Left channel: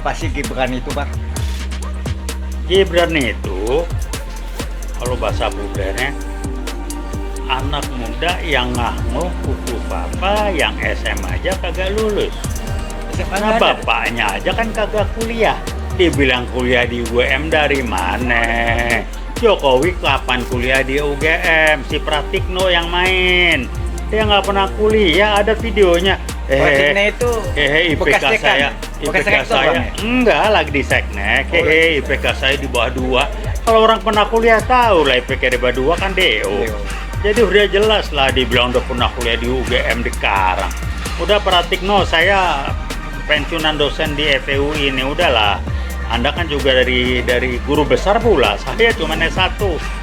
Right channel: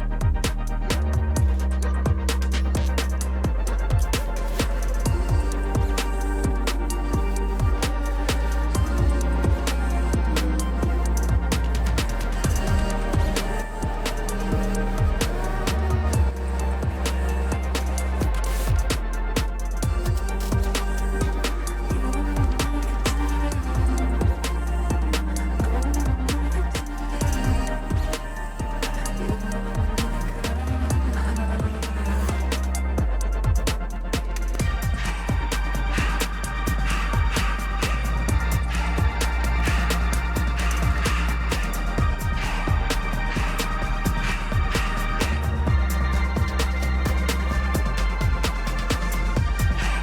Pasti Gibran itu, Bang. Gibran itu kalau bahasa mudanya anak muda yang ngahmu kuku papa yang SMA aja kagak lulus. Karena bapaknya aja kan kagak kuliah. Dibilang kuliah di UGM dari mana? Jokowi kapan kuliah di UGM? Si Pratikno yang main. Dia nggak pernah kuliah, ada videonya. Pratikno itu IPK bekas dekan. saya, Bekas IPK rektor, saya Bang, ya? enggak lagi di Seknek. IPK saya di bawah 2. Kalau orang pernah kuliah tahu lah IPK di bawah 2 kan DO. Jadi udah jelas lah dibilang udah pernah kuliah di UGM di Karang. Udah Pratikno, saya pensiunan dosen di FEU ini udahlah. Anda kan juga dari guru besar pula. Saya cuma S1,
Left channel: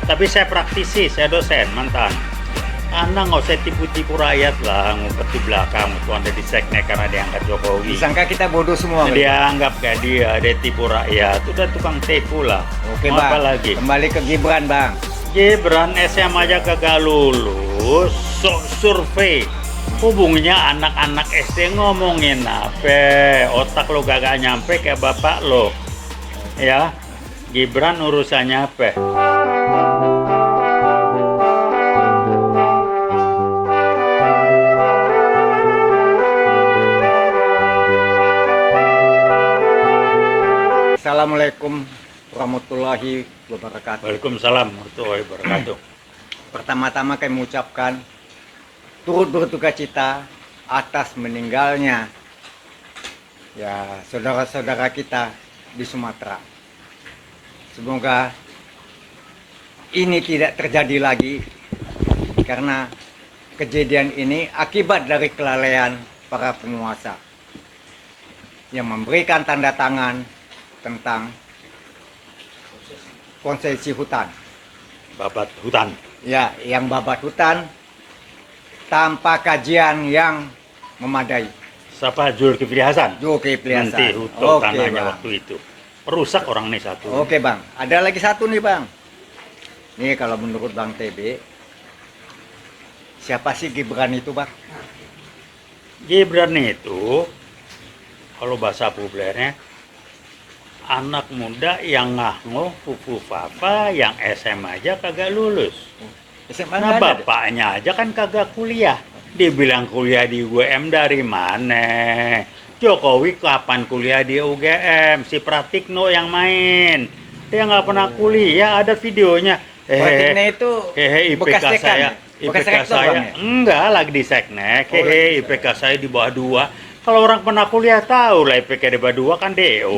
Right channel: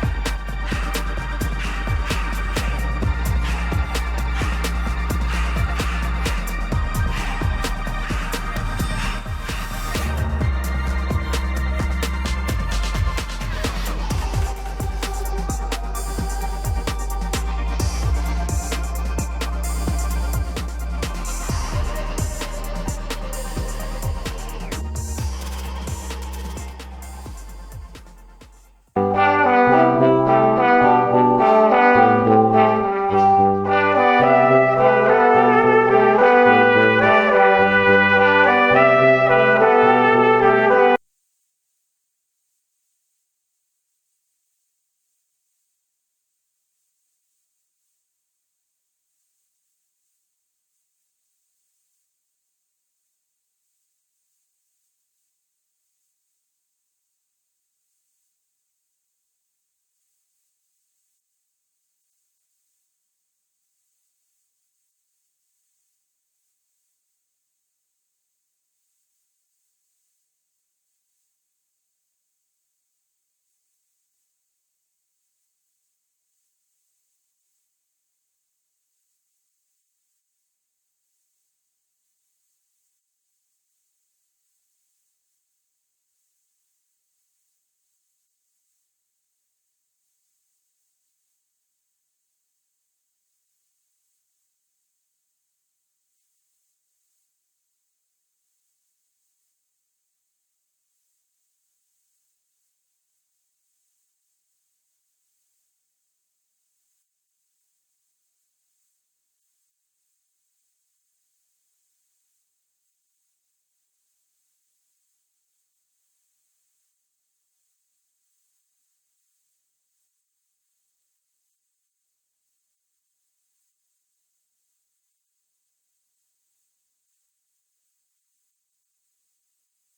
tapi saya praktisi, saya dosen mantan. Anda nggak usah tipu-tipu rakyat lah, ngumpet di belakang. Waktu Anda di Seknek karena diangkat Jokowi. Disangka kita bodoh semua. Dia anggap kayak dia tipu rakyat. Udah tukang tipu lah. Oke, Mau Bang. apa lagi? Kembali ke Gibran, Bang. Gibran SMA aja kagak lulus, sok survei. Hubungnya anak-anak SD ngomongin apa? Otak lo kagak nyampe kayak bapak lo. Ya, Gibran urusannya apa? Assalamualaikum warahmatullahi wabarakatuh. Waalaikumsalam warahmatullahi wabarakatuh. Pertama-tama kami mengucapkan turut berduka cita atas meninggalnya saudara-saudara kita di Sumatera. Semoga ini tidak terjadi lagi karena kejadian ini akibat dari kelalaian para penguasa yang memberikan tanda tangan tentang konsesi hutan. Babat hutan. Ya, yang babat hutan tanpa kajian yang memadai. Siapa Zulkifli Hasan? Zulkifli Hasan. Nanti hutan Oke, tanahnya Bang. waktu itu. Perusak orang nih satu. Oke, Bang. Ada lagi satu nih, Bang. Nih kalau menurut Bang TB, siapa sih Gibran itu, Bang? Gibran itu kalau bahasa populernya anak muda yang ngahmu kuku papa yang SMA aja kagak lulus. SMA Nah nggak ada deh. bapaknya aja kan kagak kuliah. Dibilang kuliah di UGM dari mana? Jokowi kapan kuliah di UGM? Si Pratikno yang main. Dia nggak pernah kuliah, ada videonya. Pratikno itu IPK bekas dekan, saya, ya? Bekas IPK rektor, saya Bang, ya? enggak lagi di Seknek. IPK saya di bawah 2. Kalau orang pernah kuliah tahu lah IPK di bawah 2 kan DO.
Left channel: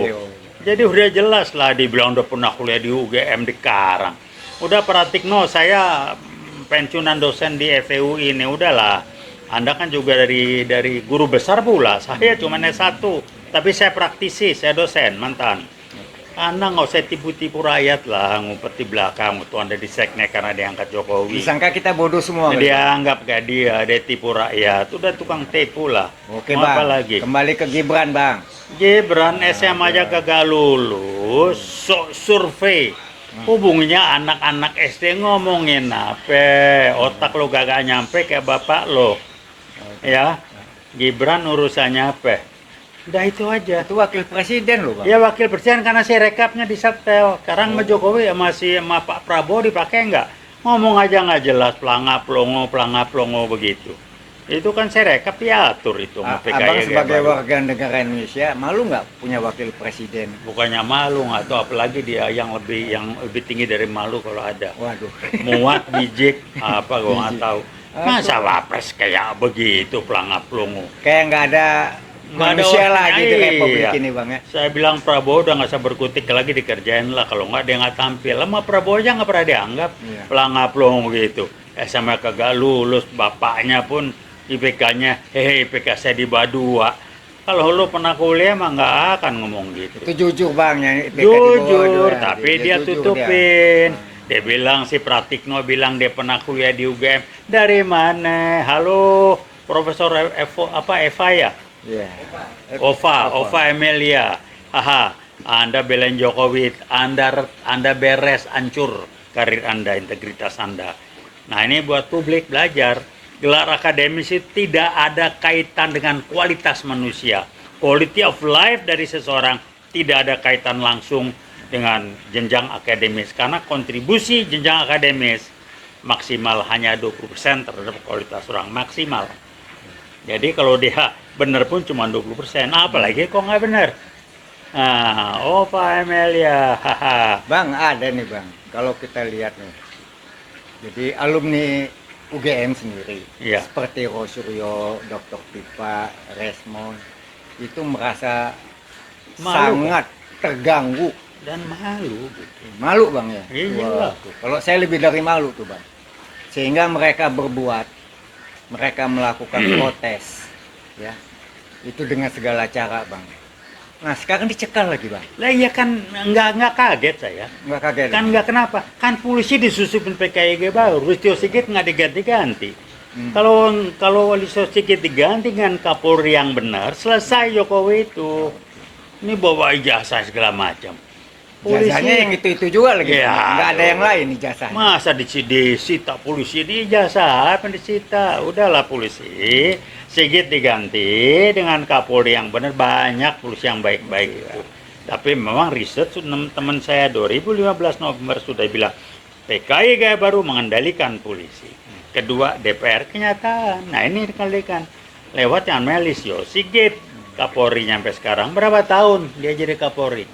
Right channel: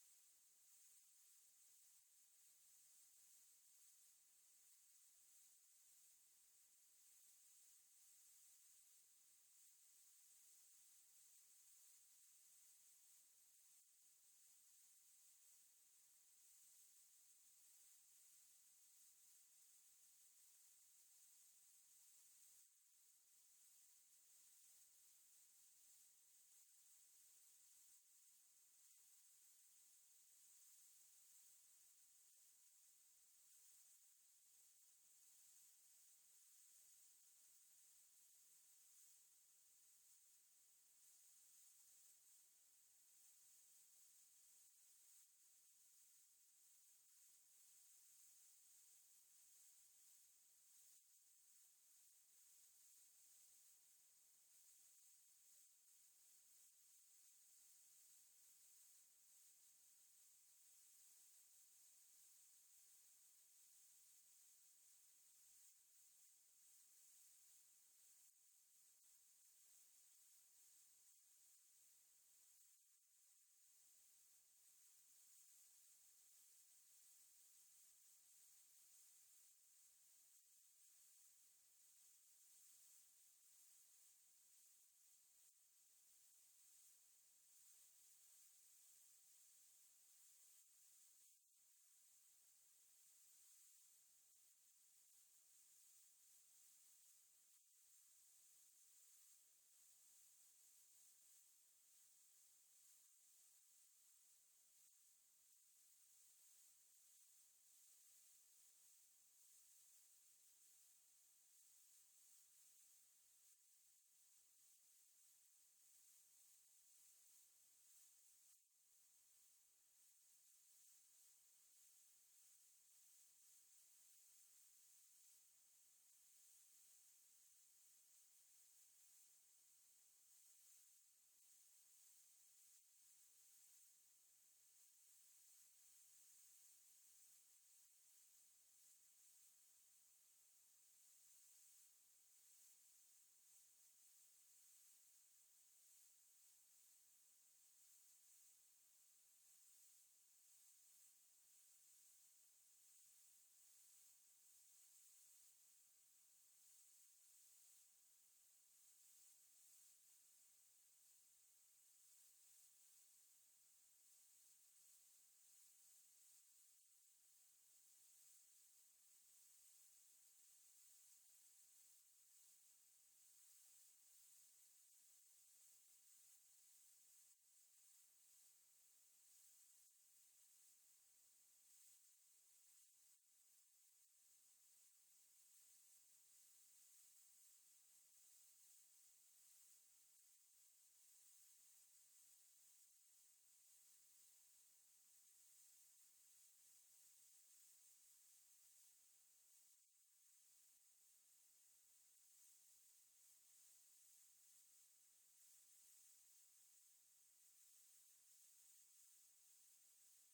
Jadi udah jelas lah dibilang udah pernah kuliah di UGM di Karang. Udah Pratikno, saya pensiunan dosen di FEU ini udahlah. Anda kan juga dari guru besar pula. Saya cuma S1, tapi saya praktisi, saya dosen mantan. Anda nggak usah tipu-tipu rakyat lah, ngumpet di belakang. Waktu Anda di Seknek karena diangkat Jokowi. Disangka kita bodoh semua. Dia anggap kayak dia tipu rakyat. Udah tukang tipu lah. Oke, Mau apa Bang. lagi? Kembali ke Gibran, Bang. Gibran SMA aja kagak lulus, sok survei. Hubungnya anak-anak SD ngomongin apa? Otak lo kagak nyampe kayak bapak lo. Ya, Gibran urusannya apa? Udah itu aja. Itu wakil presiden loh, Bang. Ya wakil presiden karena si rekapnya di setel. Sekarang sama Jokowi masih sama Pak Prabowo dipakai nggak? Ngomong aja nggak jelas, pelangap longo begitu. Itu kan saya rekap diatur itu sama PKI. Abang sebagai baru. warga negara Indonesia malu nggak punya wakil presiden? Bukannya malu nggak tahu apalagi dia yang lebih tinggi dari malu kalau ada. Waduh. Muat bijik apa gua nggak Bijik. tahu. Masa wapres kayak begitu pelangap longo. Kayak nggak ada manusia lah orang- gitu iya. republik ini, Bang, ya. Saya bilang Prabowo udah nggak usah berkutik lagi, dikerjain lah. Kalau nggak dia nggak tampil. Lama Prabowo aja nggak pernah dianggap Iya. pelangap longo gitu. SMA kagak lulus, bapaknya pun IPK-nya IPK saya di bawah 2. Kalau lu pernah kuliah mah nggak akan ngomong gitu. Itu jujur, Bang, yang IPK di bawah Jujur, dua. tapi dia jujur tutupin. Dia bilang si Pratikno bilang dia pernah kuliah di UGM. Dari mana? Halo, Profesor Eva ya? Iya. Ova Emilia. Haha, Anda belain Jokowi, Anda beres, hancur karir Anda, integritas Anda. Nah, ini buat publik belajar. Gelar akademis itu tidak ada kaitan dengan kualitas manusia. Quality of life dari seseorang tidak ada kaitan langsung dengan jenjang akademis, karena kontribusi jenjang akademis maksimal hanya 20% terhadap kualitas orang maksimal. Jadi kalau dia benar pun cuma 20%, apalagi kok nggak benar. Nah, oh Pak Amelia, haha. Bang, ada nih Bang, kalau kita lihat nih, jadi alumni UGM sendiri, Iya. seperti Rosuryo, Dr. Pipa, Resmond, itu merasa Malu, sangat terganggu. Dan malu. Malu Bang ya? Iya. Wah, tuh. Kalau saya lebih dari malu tuh Bang. Sehingga mereka berbuat, mereka melakukan protes, ya, itu dengan segala cara Bang. Nah sekarang dicekal lagi Bang, Lah iya kan nggak kaget saya. nggak kaget? Kan nggak kenapa? Kan polisi disusupin PKIG baru, Listio Sigit nggak diganti-ganti. Kalau Listio Sigit diganti dengan Kapolri yang benar, selesai Jokowi itu. Ini bawa ijazah segala macam. Ijazahnya yang itu juga lagi, Ya, Bang. Nggak ada yang lain ijazahnya. Masa disita polisi ini ijazah apa yang disita? Udahlah polisi, Sigit diganti dengan Kapolri yang benar, banyak polisi yang baik-baik itu. Tapi memang riset teman saya 2015 November sudah bilang PKI baru mengendalikan polisi. Kedua DPR kenyataan. Nah ini dikendalikan lewat yang Melis Sigit. Kapolri sampai sekarang berapa tahun dia jadi Kapolri?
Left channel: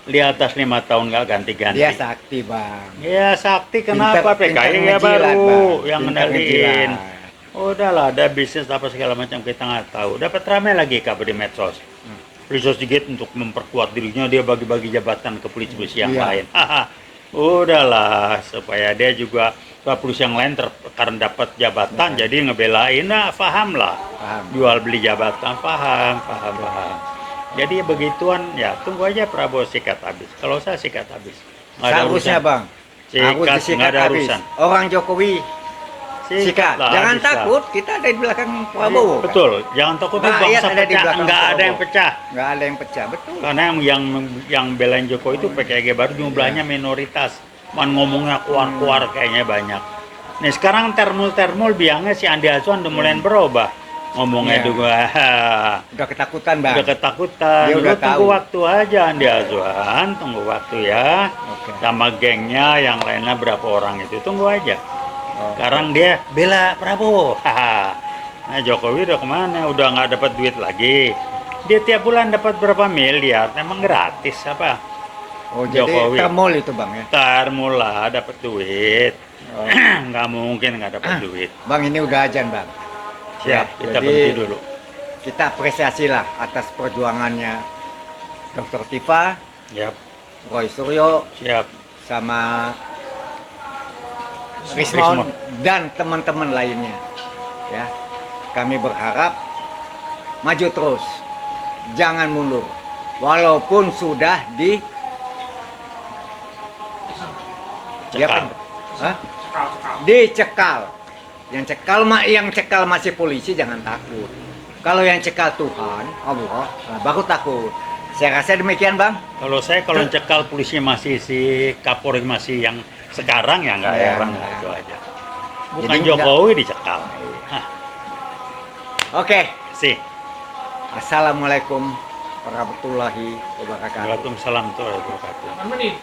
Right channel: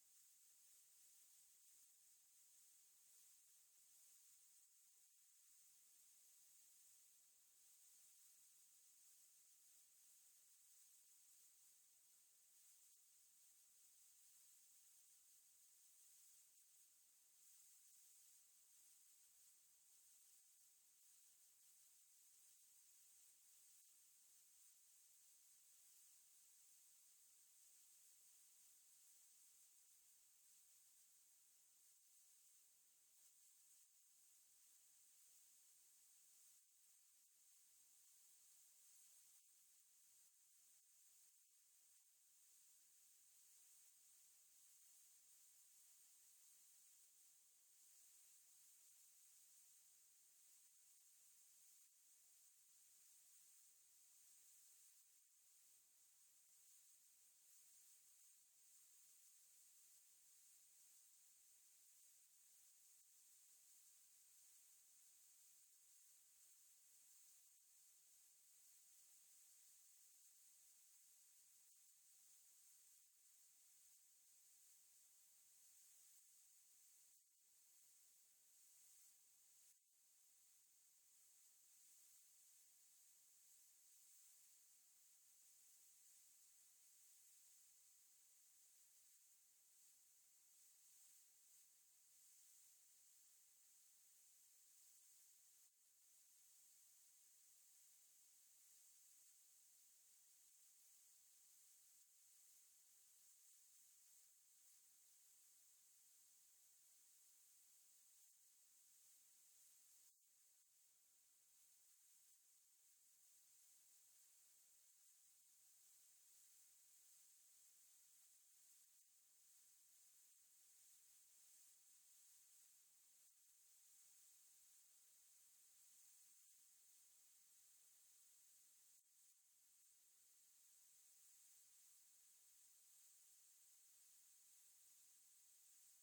Di atas 5 tahun nggak ganti-ganti. Dia sakti Bang. Ya sakti kenapa Pinter PKI ngejilat, baru Bang. yang Pinter ngendaliin. ngejilat. Udahlah ada bisnis apa segala macam kita nggak tahu. Dapat ramai lagi kabar di medsos. Listio Sigit untuk memperkuat dirinya dia bagi-bagi jabatan ke polisi yang Iya. lain. Udahlah supaya dia juga polisi yang lain karena dapat jabatan jadi ngebelain. Nah paham lah. Paham. Jual beli jabatan paham. Jadi begituan ya tunggu aja Prabowo sikat habis. Kalau saya sikat habis. Nggak ada Seharusnya urusan. Bang, harus Sikat, disikat nggak ada habis. urusan. Orang Jokowi sikat. lah, Jangan habis lah. takut, kita ada di belakang Prabowo. Kan? Betul, jangan takut Rakyat bangsa ada di pecah, belakang nggak ada Prabowo. yang pecah. Nggak ada yang pecah, betul. Karena yang belain Jokowi itu PKG baru jumlahnya minoritas. Man ngomongnya keluar-keluar kayaknya banyak. Nih sekarang termul biangnya si Andi Azwan udah mulai berubah. Ngomongnya Iya. juga Udah ketakutan Bang. udah ketakutan. Dia Lu udah tunggu tahu. waktu aja Andi Azwan, tunggu waktu ya. Oke. Sama gengnya yang lainnya berapa orang itu tunggu aja. Oh. Sekarang dia bela Prabowo. Nah Jokowi udah kemana? Udah nggak dapat duit lagi. Dia tiap bulan dapat berapa miliar? Emang gratis apa? Oh, jadi Jokowi. termul itu Bang ya. Ntar mula dapat duit. Oh. Nggak mungkin nggak dapat duit. Bang ini udah ajan Bang. Siap, kita jadi berhenti dulu. kita apresiasi lah atas perjuangannya Dr. Tifa, Siap, Roy Suryo, siap. sama Rismond dan teman-teman lainnya. Ya, kami berharap maju terus, jangan mundur, walaupun sudah Cekal. Hah? Dicekal. Yang cekal masih polisi, jangan takut. Kalau yang cekal Tuhan, Allah, baru takut. Saya rasa demikian Bang. Kalau cekal polisi masih si Kapolri masih yang sekarang ya nggak Ya, heran nggak. itu aja. Bukan Jadi Jokowi dicekal. Oke. Sih. Assalamualaikum warahmatullahi wabarakatuh. Waalaikumsalam warahmatullahi wabarakatuh. Menit.